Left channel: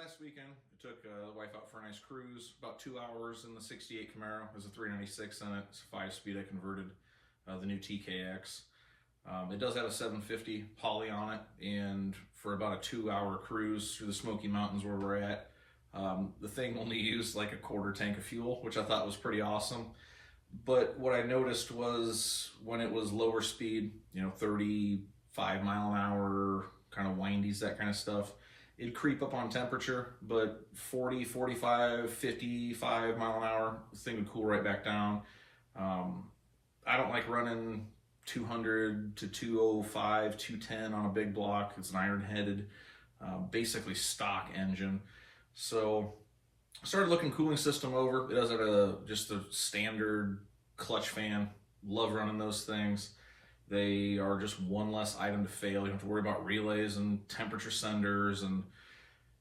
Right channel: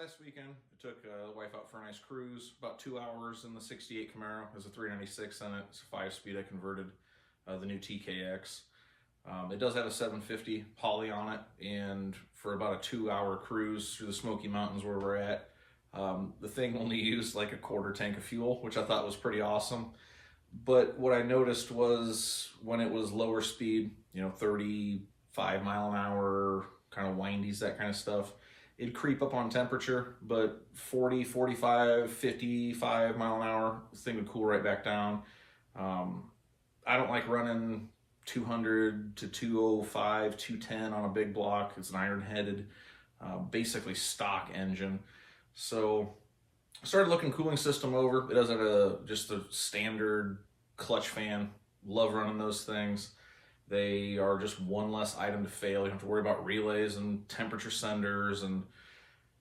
last weekend, I took the wife out for a nice cruise, about 2 hours in the 68 Camaro. There's a 396 in it. It's a 5-speed. I converted the new TKX. It does have a 750 poly on it, and for about a 2-hour cruise through the Smoky Mountains where we're at, the thing only used like a quarter tank of fuel, which I thought was pretty awesome. But what I noticed was when it was lower speed, 35 mile an hour, kind of windies, that kind of stuff, it'd creep up on temperature, but 40, 45, 55 mile an hour, this thing would cool right back down. I don't like running 200 to 205, 210 on a big block. It's an iron-headed, basically stock engine. So I started looking cooling system over. It does have just a standard clutch fan. Love running those things. They are just one less item to fail. You don't have to worry about relays and temperature senders. And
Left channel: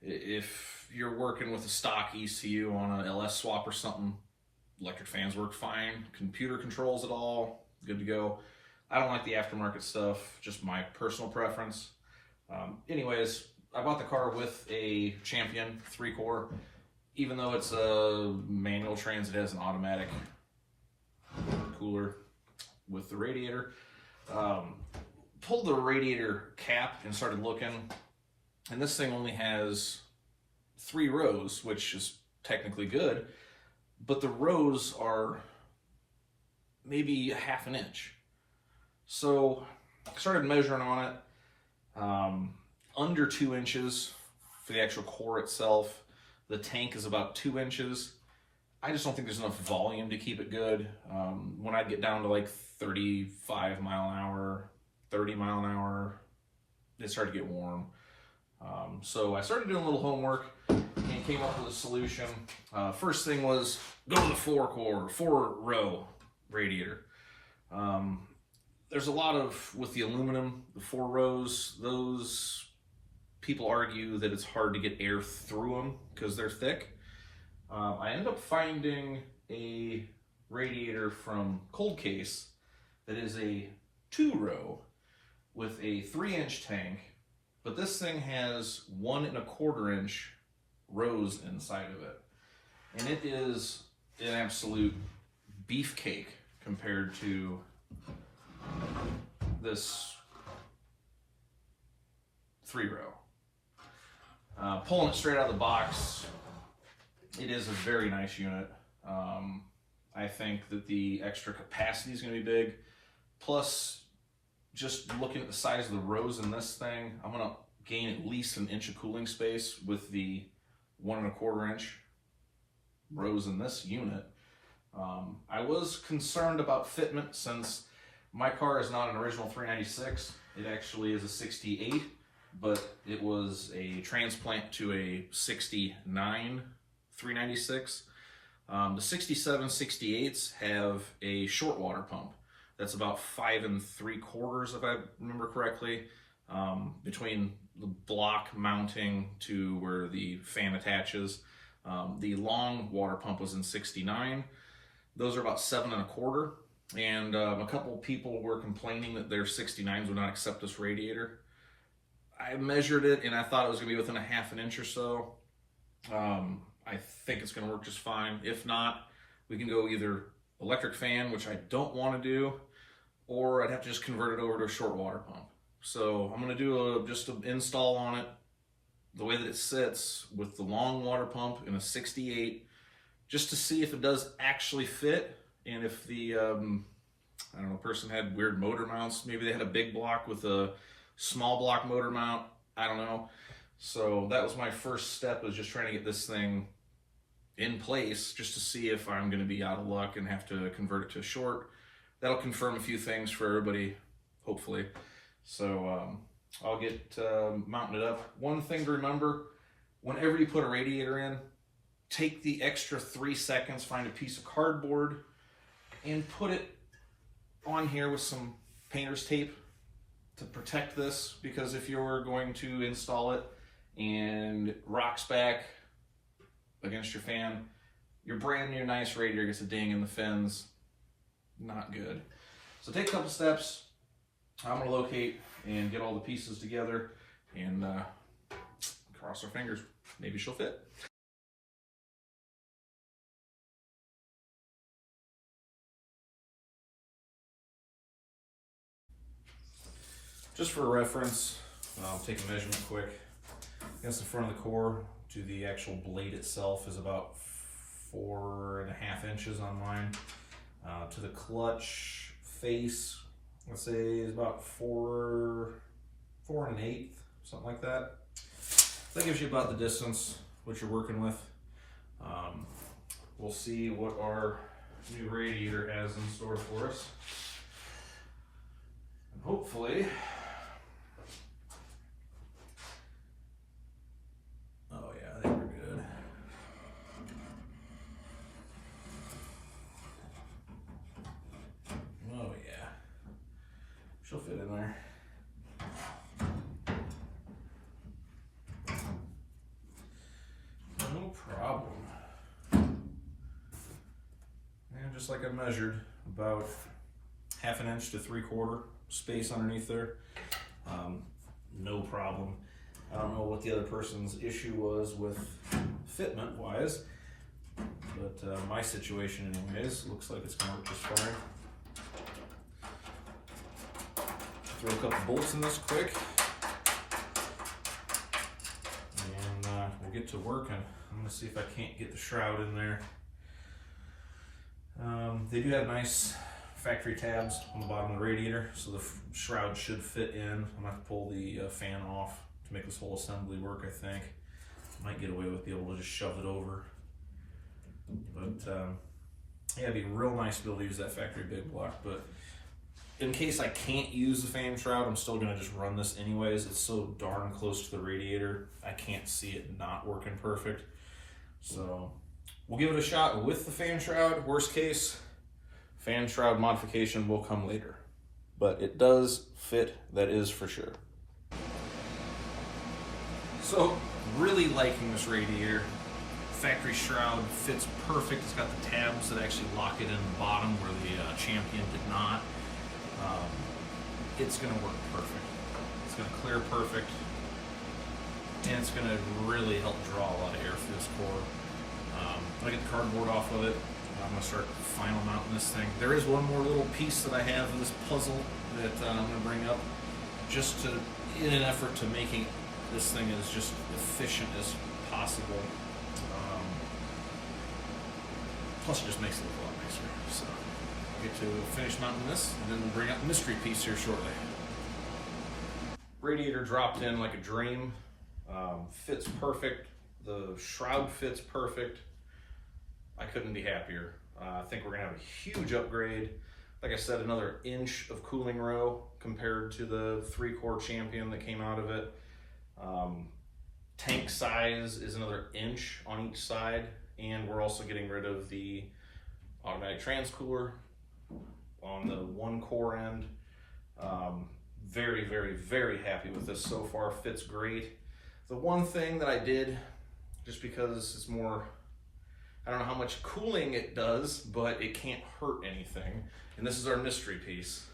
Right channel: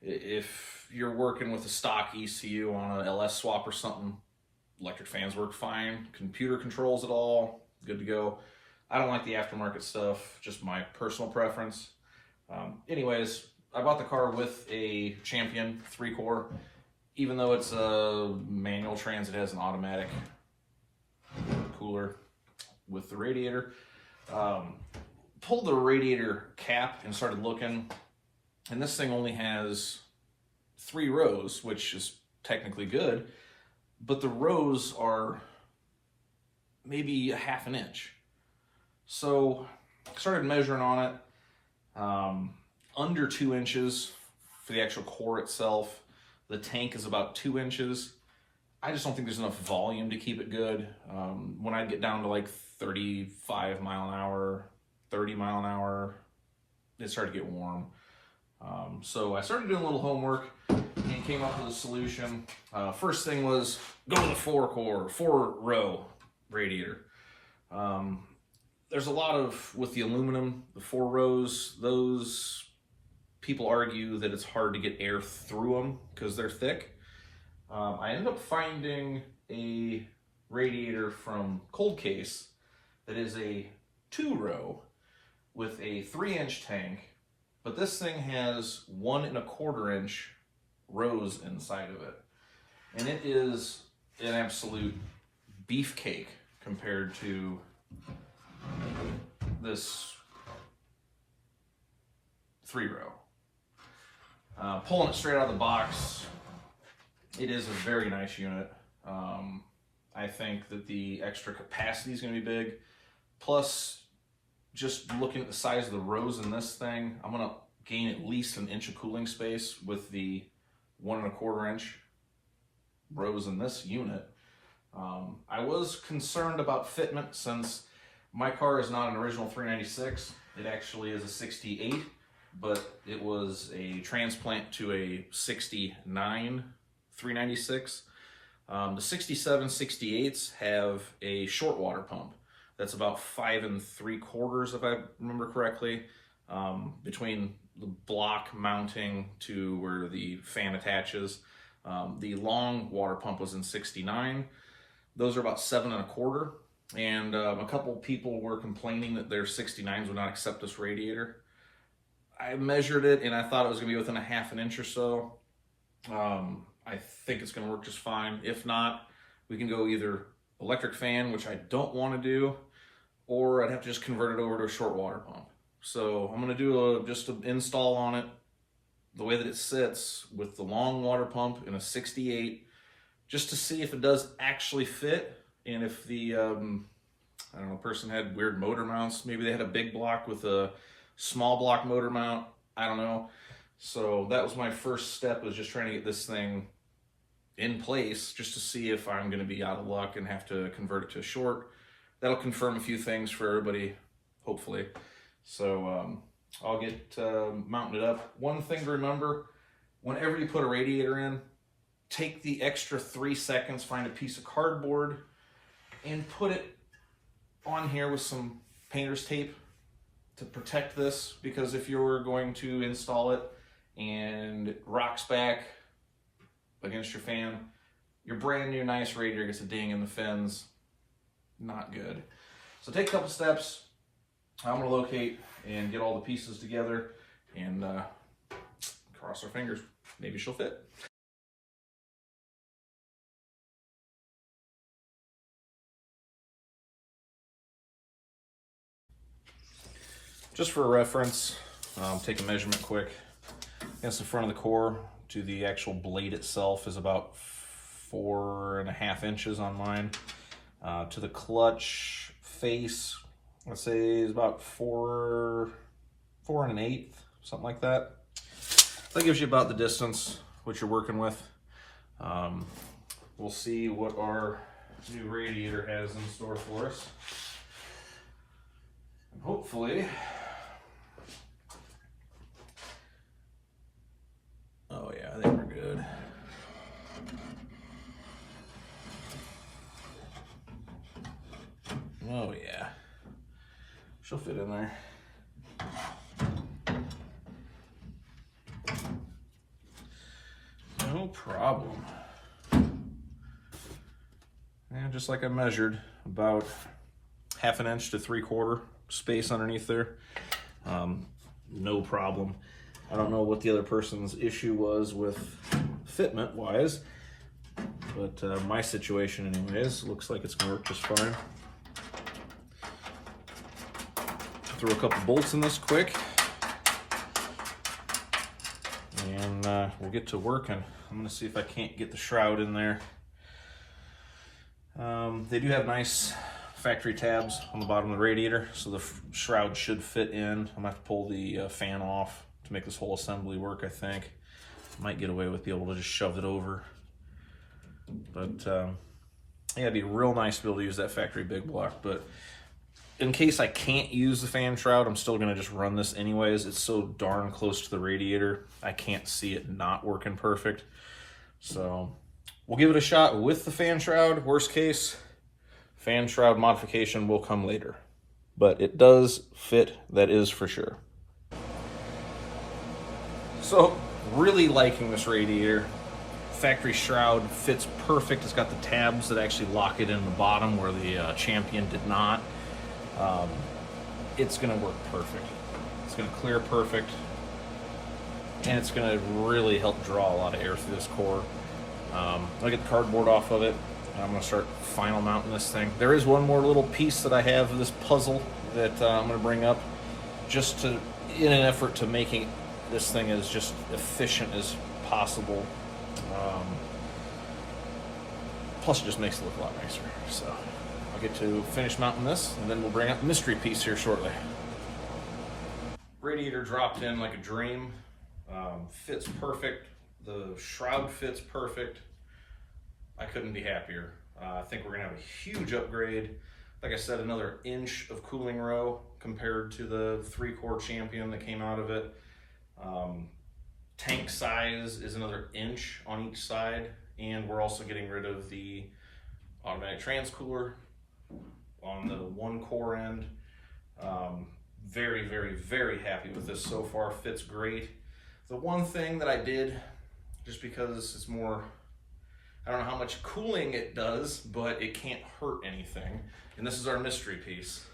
if you're working with a stock ECU on an LS swap or something, electric fans work fine. Computer controls it all, good to go. I don't like the aftermarket stuff, just my personal preference. Anyways, I bought the car with a Champion 3-core. Even though it's a manual trans, it has an automatic cooler with the radiator. Pulled the radiator cap and started looking, and this thing only has 3 rows, which is technically good, but the rows are maybe a ½ an inch. So I started measuring on it, under 2 inches for the actual core itself. The tank is about 2 inches. I just don't think there's enough volume to keep it good. When I'd get down to like 35 mile an hour, 30 mile an hour, it started to get warm. So I started doing a little homework and came up with a solution. First thing was go with a 4-core, 4-row radiator. There's a lot of, with the aluminum, the 4 rows, those people argue that it's hard to get air through them because they're thick. I ended up finding a radiator from Cold Case that is a 2-row with a 3-inch tank, but this thing has 1 1/4 inch rows inside of it. And it is an absolute beefcake compared to this 3-row. Pulling it straight out of the box, it is a very nice unit. I think that the extra capacity is going to be big. Plus, just looking at the size of the rows in this thing, I'm going to gain at least an inch of cooling space with the 1 1/4 inch rows in this unit. I was concerned about fitment since my car is not an original 396. It actually is a 68, but it was a transplant to a 69 396. The 67 68s have a short water pump that's about 5 3/4, if I remember correctly, between the block mounting to where the fan attaches. The long water pump was in 69. Those are about 7 1/4. And a couple people were complaining that their 69s would not accept this radiator. I measured it and I thought it was gonna be within a ½ an inch or so. I think it's gonna work just fine. If not, we can go either electric fan, which I don't wanna do, or I'd have to just convert it over to a short water pump. So I'm gonna do just an install on it, the way that it sits with the long water pump in a 68, just to see if it does actually fit. And if the, I don't know, person had weird motor mounts, maybe they had a big block with a small block motor mount, I don't know. So that was my first step, was just trying to get this thing in place just to see if I'm going to be out of luck and have to convert it to a short. That'll confirm a few things for everybody, hopefully. So I'll get mounting it up. One thing to remember, whenever you put a radiator in, take the extra 3 seconds, find a piece of cardboard, and put it on here with some painter's tape to protect this, because if you're going to install it and it rocks back against your fan, your brand new nice radiator gets a ding in the fins. Not good. So take a couple steps. I'm going to locate and get all the pieces together and cross our fingers. maybe she'll fit. Just for reference, take a measurement quick. Against the front of the core to the actual blade itself is about 4.5 inches on mine. To the clutch face, let's say is about 4 1/8, something like that. That gives you about the distance what you're working with. We'll see what our new radiator has in store for us. And hopefully, oh yeah, I think we're good. Oh yeah, she'll fit in there. No problem. And just like I measured, about 1/2 inch to 3/4 space underneath there. No problem. I don't know what the other person's issue was with fitment wise, but my situation anyways, looks like it's gonna work just fine. Throw a couple bolts in this quick, and we'll get to working. I'm gonna see if I can't get the shroud in there. They do have nice factory tabs on the bottom of the radiator, so the shroud should fit in. I'm gonna have to pull the fan off to make this whole assembly work, I think. Might get away with being able to just shove it over. But yeah, it'd be real nice to be able to use that factory Big Block. But in case I can't use the fan shroud, I'm still gonna just run this anyways. It's so darn close to the radiator, I can't see it not working perfect. So we'll give it a shot with the fan shroud. Worst case, fan shroud modification will come later. But it does fit, that is for sure. So, really liking this radiator. Factory shroud fits perfect. It's got the tabs that actually lock it in the bottom where the Champion did not. It's gonna work perfect. It's gonna clear perfect. And it's gonna really help draw a lot of air through this core. I'll get the cardboard off of it. I'm gonna start final mounting this thing. There is one more little piece that I have of this puzzle that I'm gonna bring up, just to, in an effort to making this thing as just efficient as possible. Plus it just makes it look a lot nicer. So I'll get to finish mounting this, and then we'll bring up the mystery piece here shortly. Radiator dropped in like a dream. Fits perfect. The shroud fits perfect. I couldn't be happier. I think we're gonna have a huge upgrade. Like I said, another inch of cooling row compared to the 3-core Champion that came out of it. Tank size is another inch on each side, and we're also getting rid of the automatic transcooler on the 1-core end. Very, very, very happy with this so far. Fits great. The one thing that I did, just because it's more, I don't know how much cooling it does, but it can't hurt anything. And this is our mystery piece.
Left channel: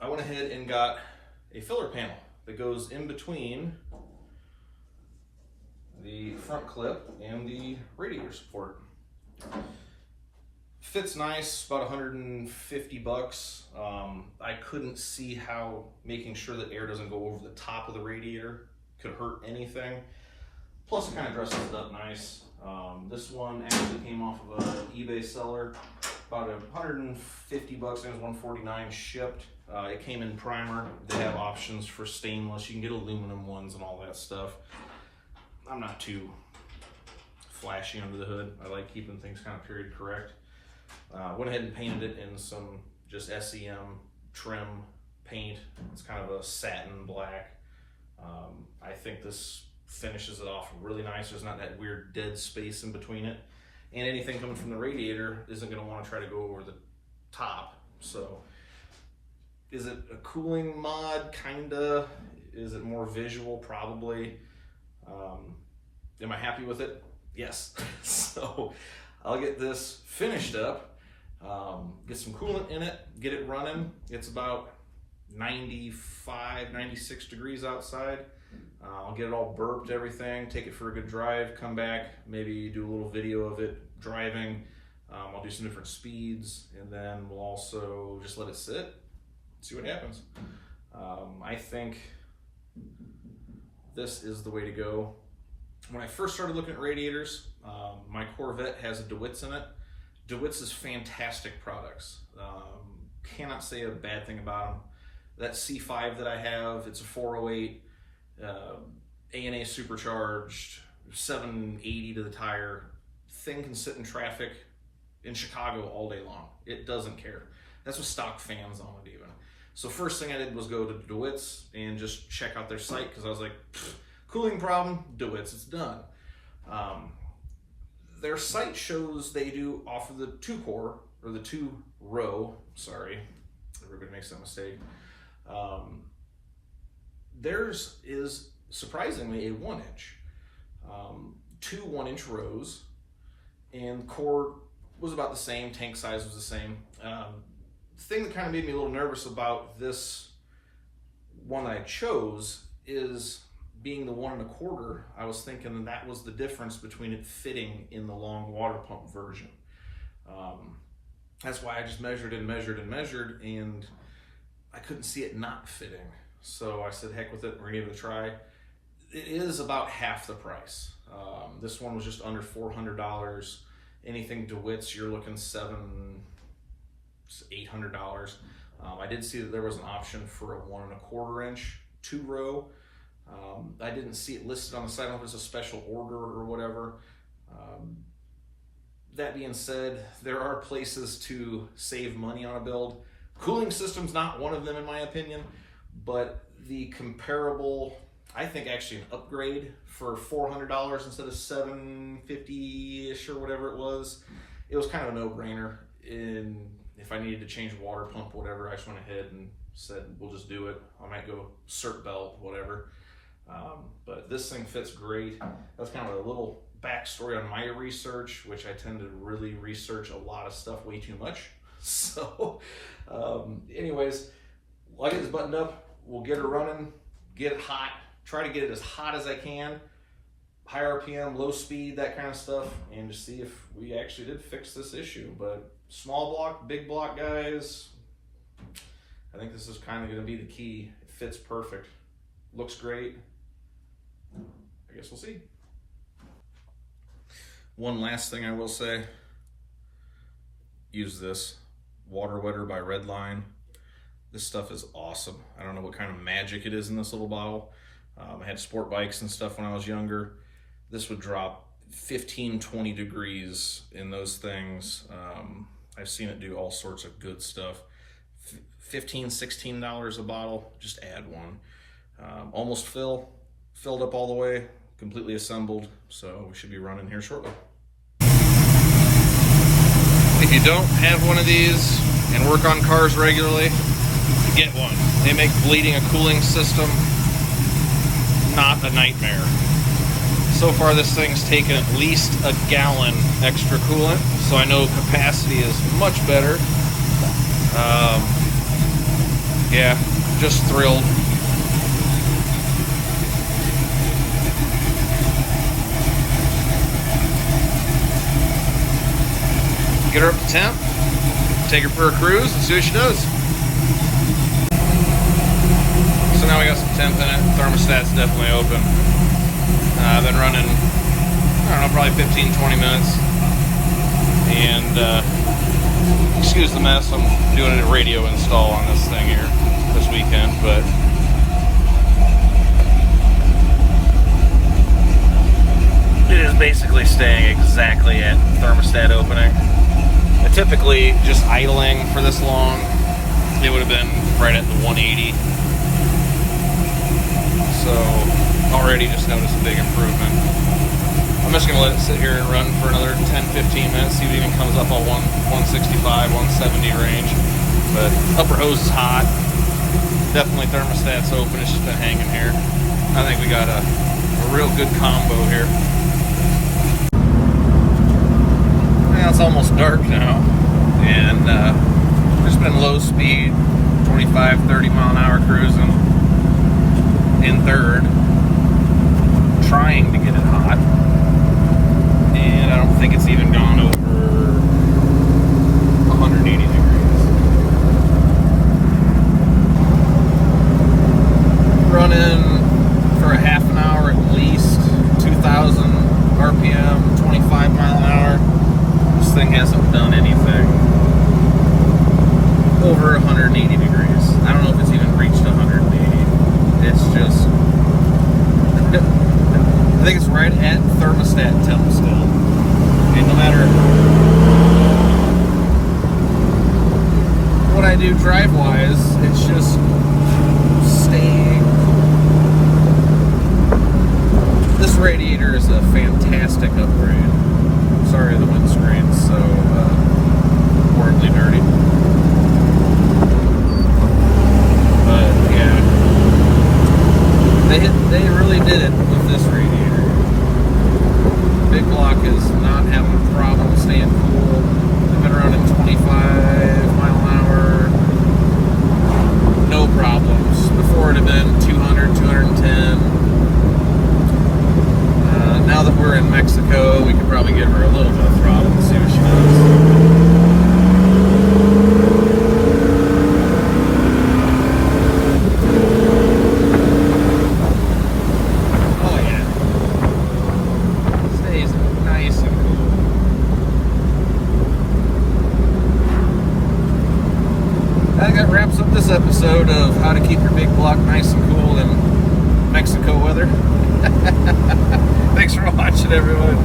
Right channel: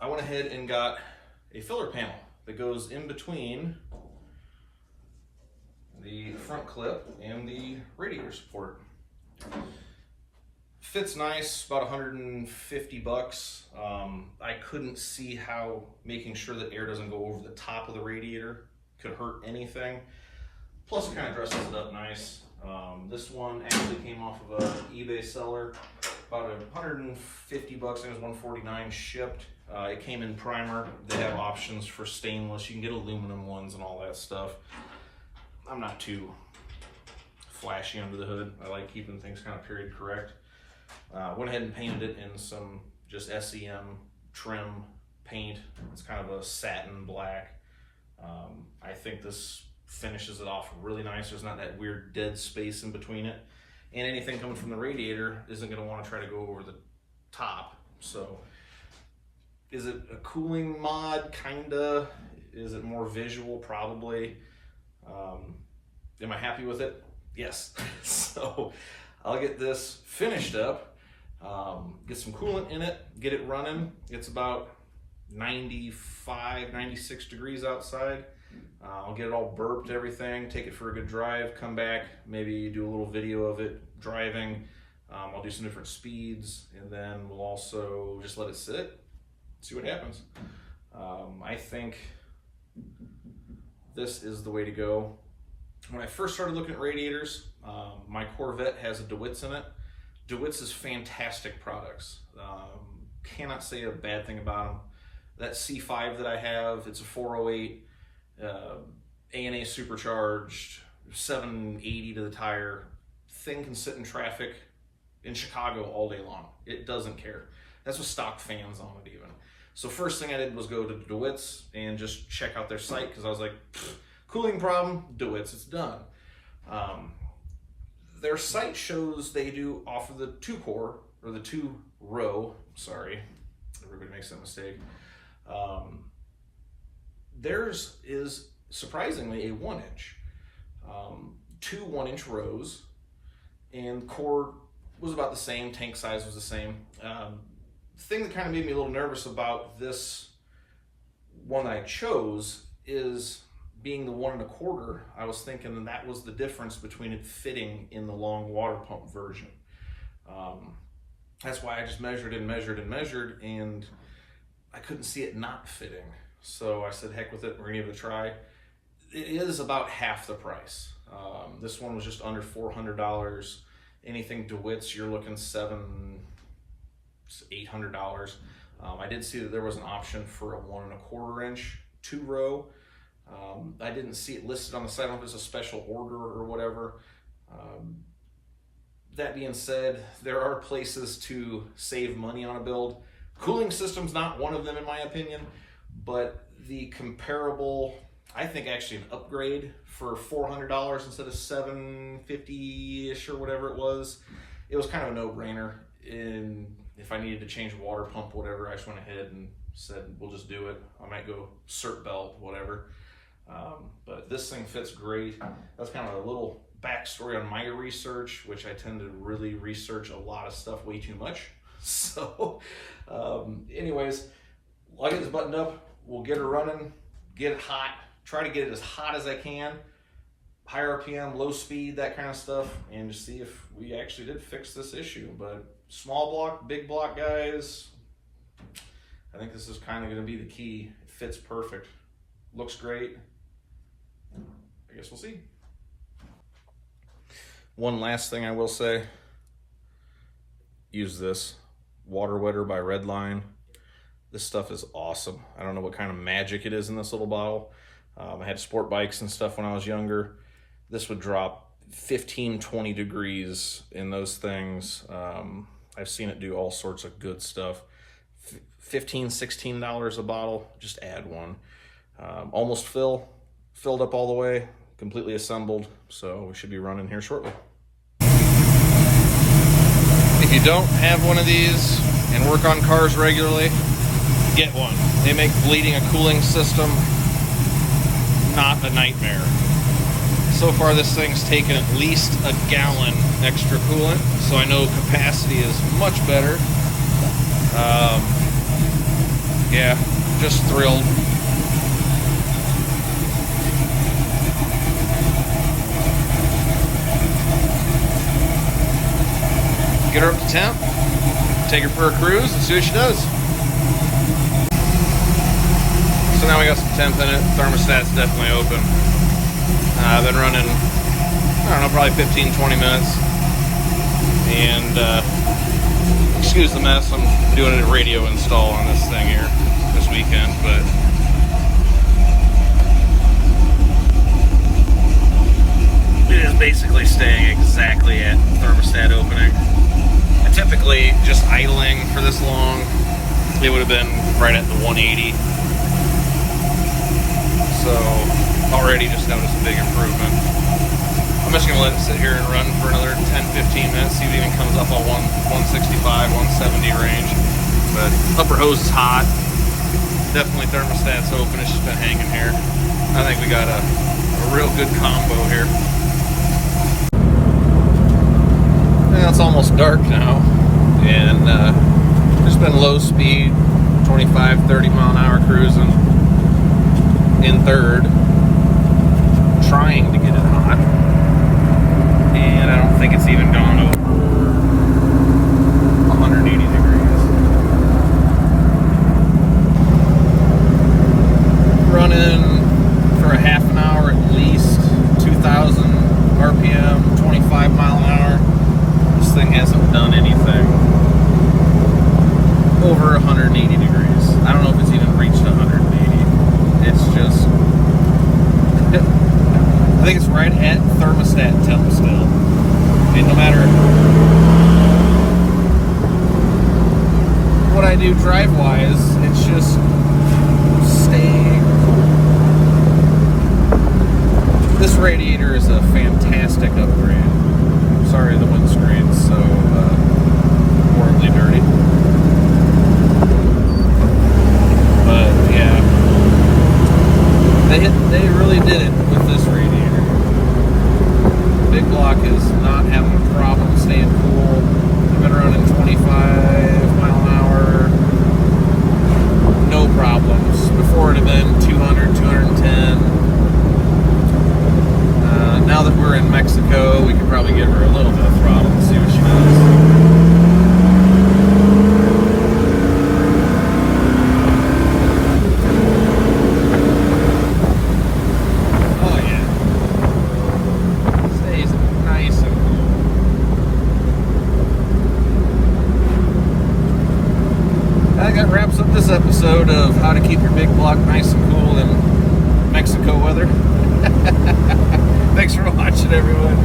I went ahead and got a filler panel that goes in between the front clip and the radiator support. Fits nice, about 150 bucks. I couldn't see how making sure that air doesn't go over the top of the radiator could hurt anything. Plus it kind of dresses it up nice. This one actually came off of an eBay seller, about 150 bucks, and it was 149 shipped. It came in primer. They have options for stainless. You can get aluminum ones and all that stuff. I'm not too flashy under the hood. I like keeping things kind of period correct. Went ahead and painted it in some just SEM trim paint. It's kind of a satin black. I think this finishes it off really nice. There's not that weird dead space in between it. And anything coming from the radiator isn't going to want to try to go over the top. So is it a cooling mod? Kinda. Is it more visual? Probably. Am I happy with it? Yes. So I'll get this finished up, Get some coolant in it, get it running. It's about 95, 96 degrees outside. I'll get it all burped, everything, take it for a good drive, come back, maybe do a little video of it driving. I'll do some different speeds, and then we'll also just let it sit, see what happens. I think this is the way to go. When I first started looking at radiators, my Corvette has a DeWitt's in it. DeWitt's is fantastic products. Cannot say a bad thing about them. That C5 that I have, it's a 408, A&A supercharged, 780 to the tire. Thing can sit in traffic in Chicago all day long. It doesn't care. That's with stock fans on it even. So first thing I did was go to DeWitt's and just check out their site, because I was like, cooling problem, DeWitt's, it's done. Their site shows they do offer the 2-core, or the 2-row, sorry, everybody makes that mistake. Theirs is surprisingly a 1-inch, 2 1-inch rows, and core was about the same, tank size was the same. The thing that kind of made me a little nervous about this one I chose is being the 1 1/4. I was thinking that was the difference between it fitting in the long water pump version. That's why I just measured and measured and measured, and I couldn't see it not fitting. So I said, heck with it, we're gonna give it a try. It is about half the price. This one was just under $400. Anything DeWitt's, you're looking $700, $800. I did see that there was an option for a 1 1/4 inch 2-row. I didn't see it listed on the site. I don't know if it's a special order or whatever. That being said, there are places to save money on a build. Cooling system's not one of them in my opinion, but the comparable, I think actually an upgrade for $400 instead of $750-ish or whatever it was kind of a no-brainer. And if I needed to change a water pump, whatever, I just went ahead and said, we'll just do it. I might go cert belt, whatever. But this thing fits great. That's kind of a little backstory on my research, which I tend to really research a lot of stuff way too much. So anyways, I'll get this buttoned up. We'll get her running, get it hot, try to get it as hot as I can, high RPM, low speed, that kind of stuff, and just see if we actually did fix this issue. But small block, big block guys, I think this is kind of going to be the key. It fits perfect, looks great. I guess we'll see. One last thing I will say, use this water wetter by Redline. This stuff is awesome. I don't know what kind of magic it is in this little bottle. I had sport bikes and stuff when I was younger. This would drop 15, 20 degrees in those things. I've seen it do all sorts of good stuff. $15, $16 a bottle, just add one. Almost filled up all the way, completely assembled, so we should be running here shortly. If you don't have one of these and work on cars regularly, get one. They make bleeding a cooling system not a nightmare. So far this thing's taken at least a gallon extra coolant, so I know capacity is much better. Yeah, just thrilled. Get her up to temp, take her for a cruise, and see what she does. So now we got some temp in it. Thermostat's definitely open. I've been running, I don't know, probably 15, 20 minutes. And excuse the mess, I'm doing a radio install on this thing here this weekend, but it is basically staying exactly at thermostat opening. Typically, just idling for this long, it would have been right at the 180. So, already just noticed a big improvement. I'm just going to let it sit here and run for another 10-15 minutes, see if it even comes up on 165, 170 range. But upper hose is hot. Definitely thermostat's open, it's just been hanging here. I think we got a real good combo here. Yeah, it's almost dark now. and just been low speed, 25, 30 mile an hour cruising in third, trying to get it hot, and I don't think it's even gone over 180 degrees. Running for a half an hour at least, 2,000 RPM, 25 mile an hour. This thing hasn't done anything over 180 degrees. I don't know if it's even reached 180. It's just, I think it's right at thermostat temp still. I mean, no matter what I do drive-wise, it's just staying. This radiator is a fantastic upgrade. Sorry the windscreen's so horribly dirty. But yeah, they really did it with this radiator. Big Block is not having a problem staying cool. I've been running 25 mile an hour, no problems. Before it had been 200, 210. Now that we're in Mexico, we could probably give her a little bit of throttle and see what she does. Oh yeah. Stays nice and cool. That wraps up this episode of how to keep your Big Block nice and cool in Mexico weather. Thanks for watching, everyone.